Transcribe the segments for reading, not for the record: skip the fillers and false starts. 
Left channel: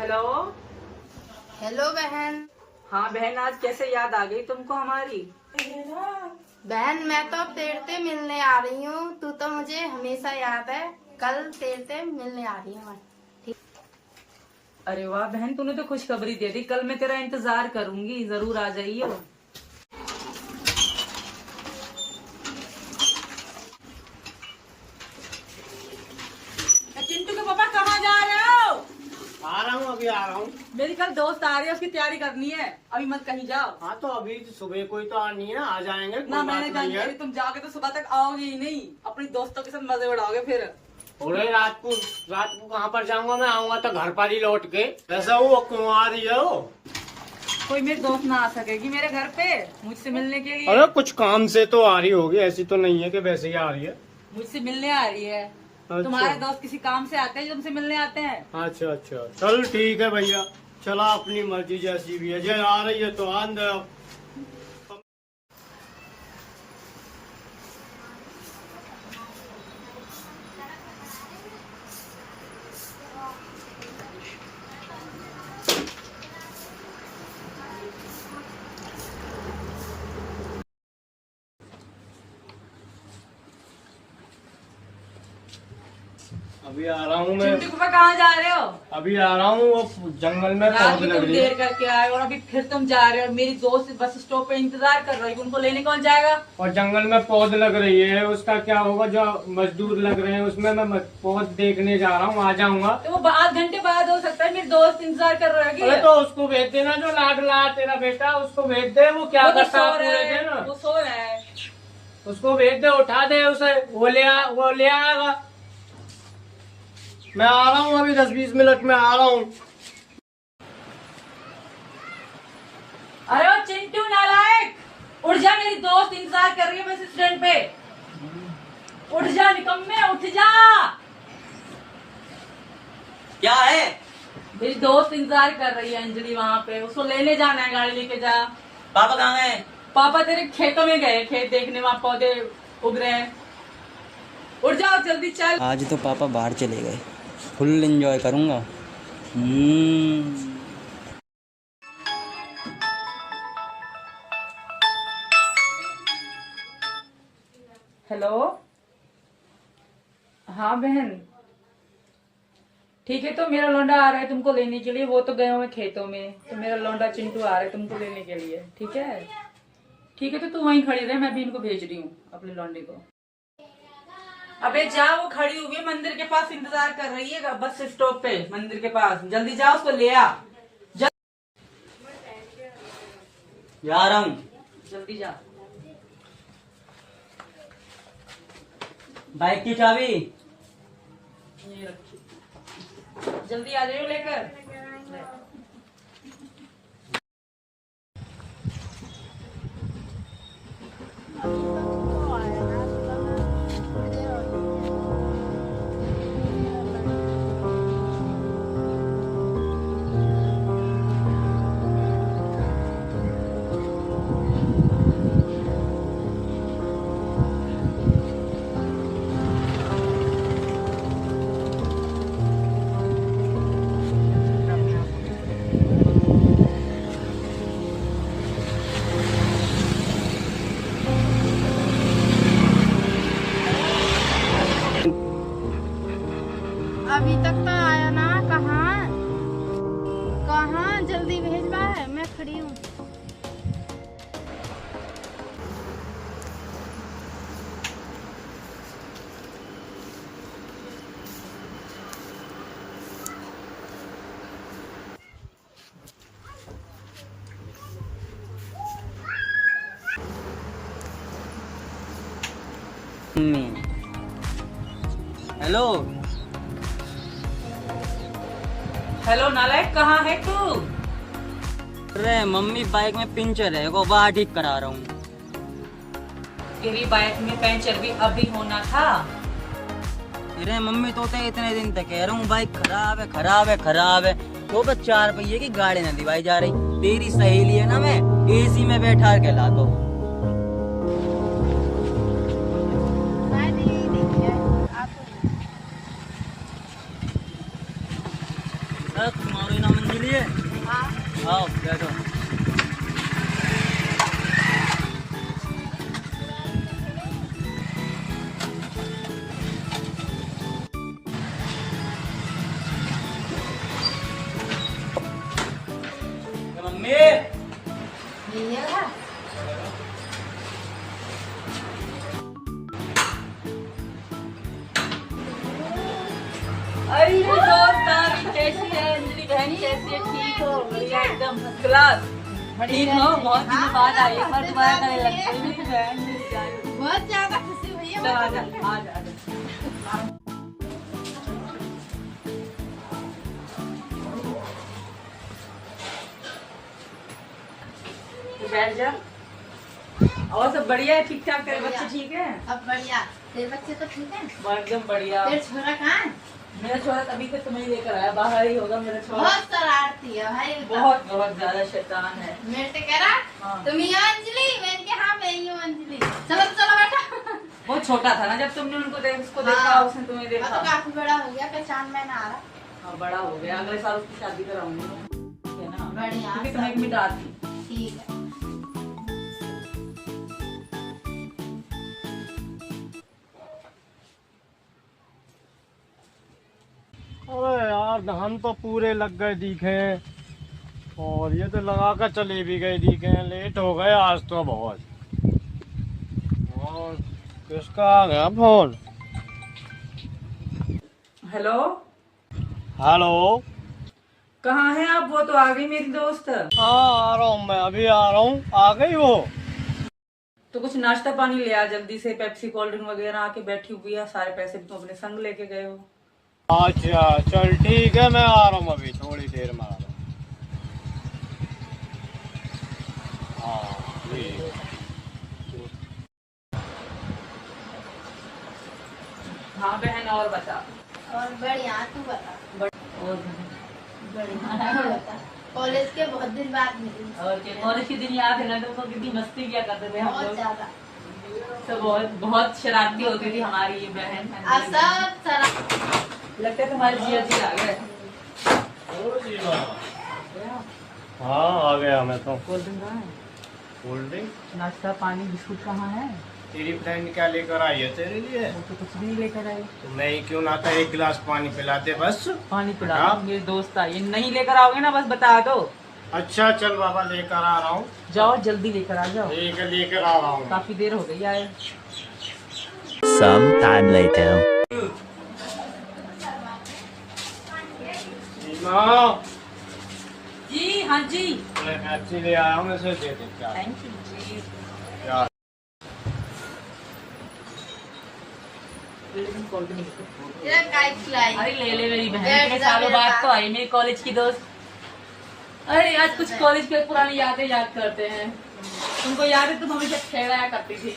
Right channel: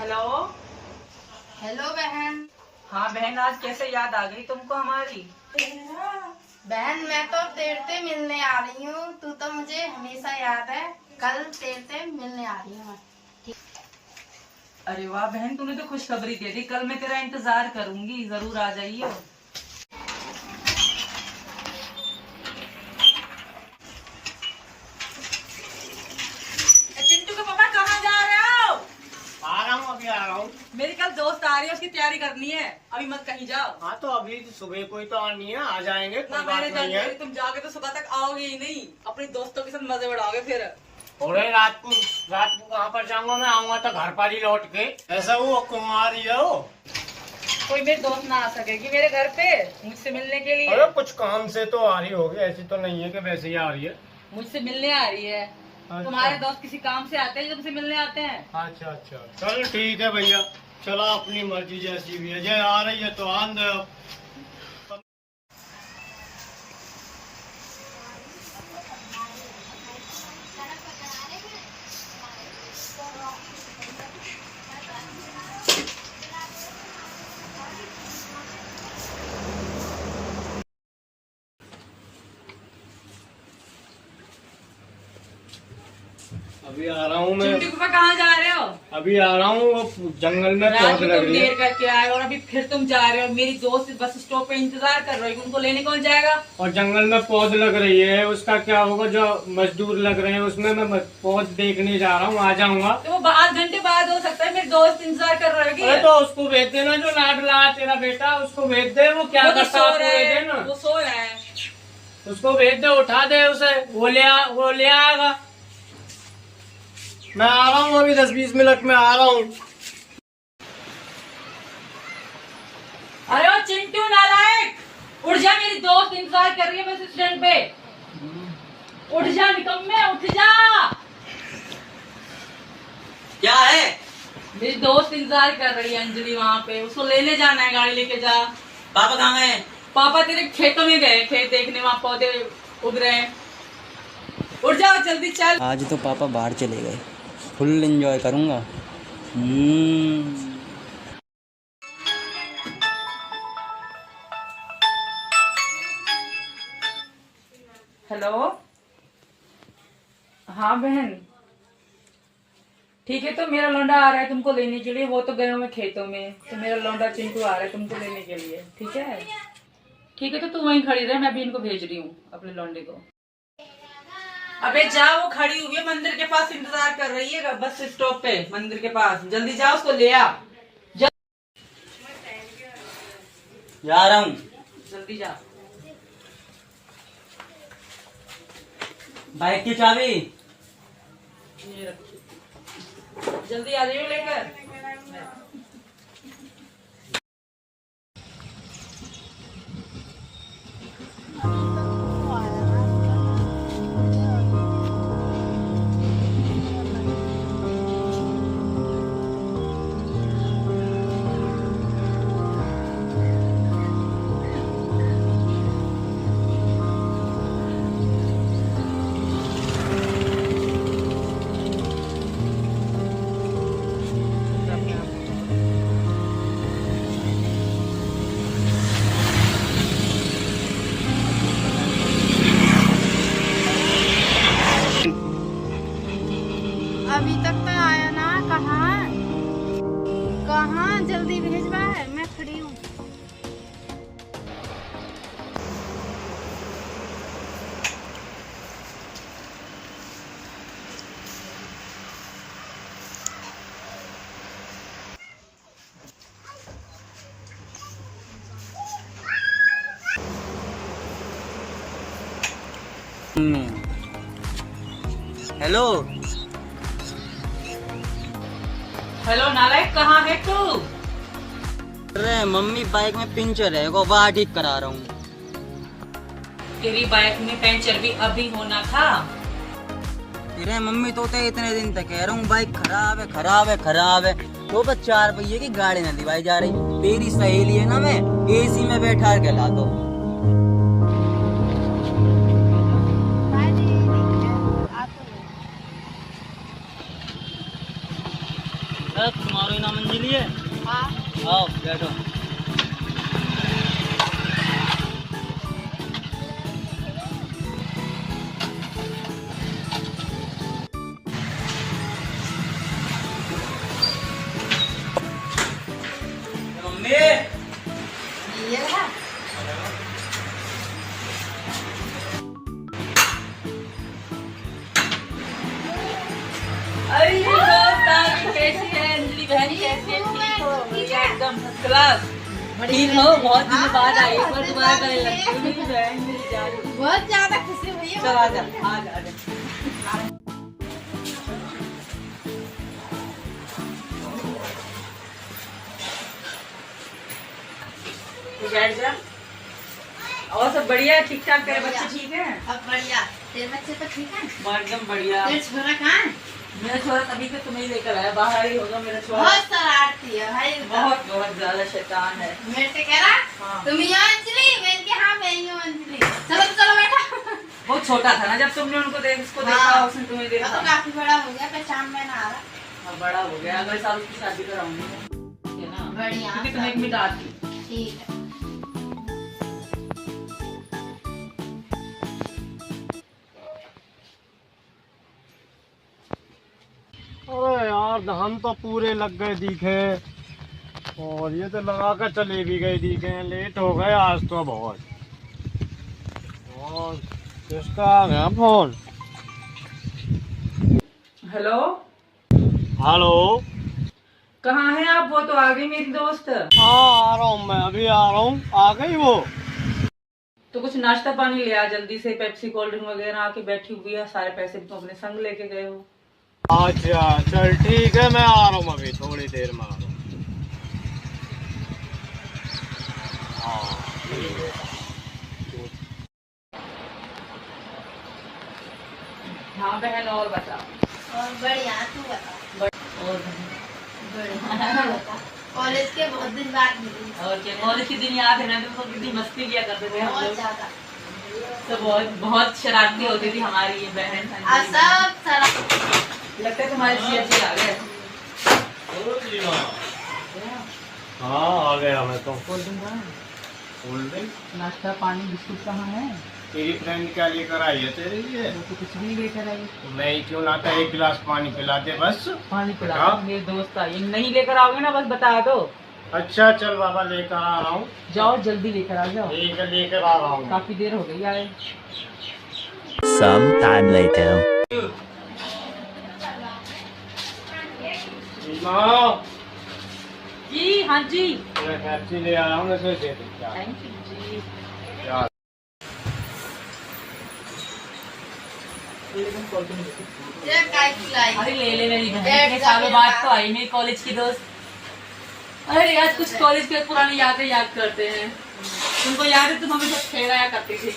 Hello. Hello बहन। हाँ बहन, आज कैसे याद आ गई तुमको हमारी? बहन मैं तो तेरे मिलने आ रही हूँ, तू तो मुझे हमेशा याद है। कल तेरे मिलने आ रही हूँ मैं। अरे वाह बहन, तूने तो खुशखबरी दे दी। कल मैं तेरा इंतजार करूंगी, जरूर आ जाइयो। चिंटू के पापा कहाँ जा रहे हो? आ रहा हूँ, अभी आ रहा हूँ। मेरी कल दोस्त आ रही है, उसकी तैयारी करनी है। अभी मत कहीं जाओ। हाँ तो अभी सुबह कोई तो आनी है, आ जाएंगे, कोई ना बात मैंने नहीं है। जानकारी, तुम जाओगे तो सुबह तक आओगे ही नहीं। अपने दोस्तों के साथ मजे उड़ाओगे फिर। और रात को कहाँ पर जाऊंगा? मैं आऊंगा तो घर पर ही लौट के। ऐसा वो कुंवारी हो? कोई मेरी दोस्त ना आ सकेगी मेरे घर पे मुझसे मिलने के लिए। अरे कुछ काम से तो आ रही होगी, ऐसी तो नहीं है कि वैसे ही आ रही है। मुझसे मिलने आ रही है। अच्छा। तुम्हारे दोस्त किसी काम से आते हैं जो तुमसे मिलने आते हैं? अच्छा अच्छा, चल ठीक है भैया, चला अपनी मर्जी जैसी भी है। जय आ रही है तो आन दे अब। अभी आ रहा हूँ मैं। चिंटू पापा कहाँ जा रहे हो? अभी आ रहा हूँ, वो जंगल में रात पहुंच में लग तुम रही है। देर करके आए और अभी फिर तुम जा रहे हो। मेरी दोस्त बस स्टॉप पे इंतजार कर रही है, उनको लेने कौन जाएगा? और जंगल में पौध लग रही है, उसका क्या होगा? जो मजदूर लग रहे हैं उसमें मैं पौध देखने जा रहा हूँ, आ जाऊंगा। तो वो आध घंटे बाद हो सकता है। मेरी दोस्त इंतजार कर रही अरे है। तो उसको भेज देना, जो लाडला तेरा बेटा, उसको भेज दे। वो क्या वो तो करता सो है रहे पूरे हैं, दिन? वो सो रहा है। उसको भेज दे, उठा दे उसे, वो ले आएगा। मैं आ रहा हूँ, अभी 10-20 मिनट में आ रहा हूँ। अरे ओ चिंटू नालायक, उठ जा, मेरी दोस्त इंतजार कर रही है बस स्टैंड पे। उठ जा निकम्मे, उठ जा। क्या है? मेरी दोस्त इंतजार कर रही है अंजलि वहाँ पे, उसको लेने जाना है, गाड़ी लेके जा। पापा कहाँ है? पापा तेरे खेतों में गए, खेत देखने, वहाँ पौधे उग रहे हैं। उठ जाओ जल्दी चल। आज तो पापा बाहर चले गए, फुल एंजॉय करूंगा। हेलो। हाँ बहन, ठीक है। तो मेरा लौंडा आ रहा है तुमको लेने के लिए। वो तो गए हुए खेतों में, तो मेरा लौंडा चिंटू आ रहा है तुमको लेने के लिए। ठीक है, ठीक है। तो तू वहीं खड़ी रहे, मैं भी इनको भेज रही हूँ अपने लौंडे को। अबे जा, वो खड़ी हुई है मंदिर के पास, इंतजार कर रही है बस स्टॉप पे मंदिर के पास। जल्दी जा, उसको ले आ। जा रहा हूँ। जल्दी जा। बाइक की चाबी। ये रखी। जल्दी आ जाइए लेकर। अभी तक तो आया ना, कहाँ कहाँ जल्दी भेजवा है, मैं खड़ी हूँ। हेलो। हेलो नालायक, कहाँ है तू? अरे मम्मी, बाइक में पंचर है, वो बाहर ठीक करा रहा हूँ। तेरी बाइक में पंचर भी अभी होना था। अरे मम्मी, तो इतने दिन तक कह रहा हूँ बाइक खराब है, खराब है, खराब है। तो बस 4 पहिए की गाड़ी न दिवाई जा रही। तेरी सहेली है ना, मैं एसी में बैठा के ला दो। तुम्हारे नाम पी लिए? हाँ आओ बैठो। मम्मी ये रहा। अरे दोस्त कैसी है अंजलि बहन, कैसी है? ठीक हो? एकदम क्लास। ठीक हो? बहुत दिनों बाद आई, एक बार दोबारा करने लगती है मेरी बहन, मेरी जान। बहुत ज्यादा खुशी हुई है। चल आजा आजा आजा। तू बैठ जा। और सब बढ़िया है? ठीक ठाक? तेरे बच्चे ठीक है? अब बढ़िया। तेरे बच्चे तो ठीक है? एकदम बढ़िया। तेरे छोरा कहाँ है? मेरा छोरा तभी तो तुम्हें ही लेकर आया, बाहर ही होगा मेरा छोरा। बहुत शरारती है भाई। बहुत बहुत ज्यादा शैतान है। मेरे से कह रहा हाँ। तुम ही हो अंजलि? मैंने कहा हाँ मैं ही हूँ अंजलि। चलो चलो बेटा। बहुत छोटा था ना जब तुमने उनको उसको देखा, हाँ। उसने तुम्हें अब देखा। तो काफी बड़ा हो गया, पहचान में ना आ रहा। अब बड़ा हो गया, अगले साल उसकी शादी कराऊंगी, है ना? बढ़िया। क्योंकि तुम्हें एक मिदाद थी। ठीक है। अरे यार हम तो पूरे लग गए दिखे, और ये तो लगा कर चले भी गए दिखे। लेट हो गए आज तो बहुत। और किसका आ गया फोन? Hello, hello. कहाँ है आप? वो तो आ गई मेरी दोस्त। हाँ आ रहा हूँ, मैं अभी आ रहा हूँ। आ गई वो? तो कुछ नाश्ता पानी ले आ जल्दी से, पेप्सी कोल्ड ड्रिंक वगैरह। आके बैठी हुई है, सारे पैसे तुम अपने संग लेके गए हो। अच्छा चल ठीक है, मैं आ रहा हूँ अभी थोड़ी देर में आ रहा हूँ। हाँ ठीक है। हाँ बहन, और बता। और बढ़िया, तू बता। और बहन, बढ़िया बता। कॉलेज के बहुत दिन बाद मिली। और क्या, कॉलेज के दिन याद है ना तुमको? कितनी मस्ती किया करते थे हम बहुत लोग। ज्यादा। तो बहुत बहुत शरारती होती थी हमारी ये बहन। आज सब सारा लगता है तुम्हारे जिया जी आ गए। हाँ आ गया मैं तो। कोल्ड ड्रिंक कहाँ है? Cold drink? नाश्ता पानी बिस्कुट कहाँ है? तेरी फ्रेंड क्या लेकर आई है तेरे लिए? वो तो कुछ भी नहीं लेकर आई। तो मैं ही क्यों ना कर एक गिलास पानी पिला दे बस। पानी पिला हाँ? दो, मेरे दोस्त आई। नहीं लेकर आओगे ना, बस बता दो। अच्छा चल बाबा लेकर आ रहा हूँ। जाओ जल्दी लेकर आ जाओ, ठीक है लेकर आ रहा हूँ। काफी देर हो गई आए। Some time later. माँ, जी हाँ जी, मैं पेप्सी ले आया हूँ, इसे दे दे क्या? थैंक यू जी। क्या? ये काय खिलाई। अरे ले ले मेरी बहन, बैठ इतने जा सालों मेरे बाद पास। तो आई मेरी कॉलेज की दोस्त। अरे आज कुछ कॉलेज के पुरानी यादें याद करते हैं। तुमको याद है तुम हमेशा खेलाया करती थी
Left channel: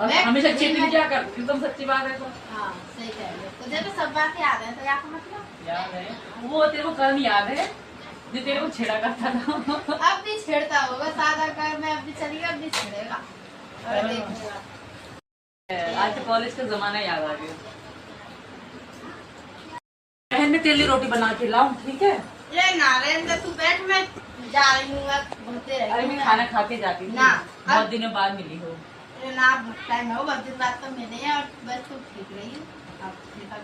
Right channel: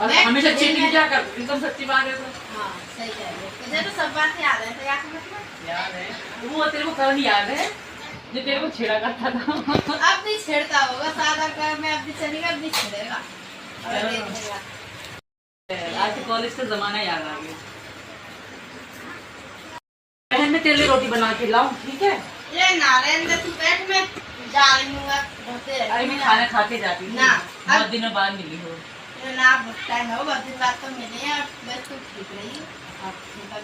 और मैं हमेशा चीटिंग खेलना- किया करती थी। तुम सच्ची बात है तो हाँ सही कह रही है। मुझे तो सब बात याद है, तो याद मतलब याद है। वो तेरे को कल याद है जो तेरे को छेड़ा करता था। अब भी छेड़ता होगा। सादा का मैं अब भी चलेगा, अब भी छेड़ेगा और देखेगा। आज तो कॉलेज का जमाना याद आ गया। बहन मैं तेरे लिए रोटी बना के लाऊं? ठीक है। ये नारायण तू बैठ, मैं जा रही हूँ। होते अरे मैं खाना खा के जाती थी, ना, बहुत दिनों बाद मिली हो। ना बहुत टाइम हो, बहुत दिन बाद तो मिले हैं। और बस तू ठीक रही। अब ठीक है।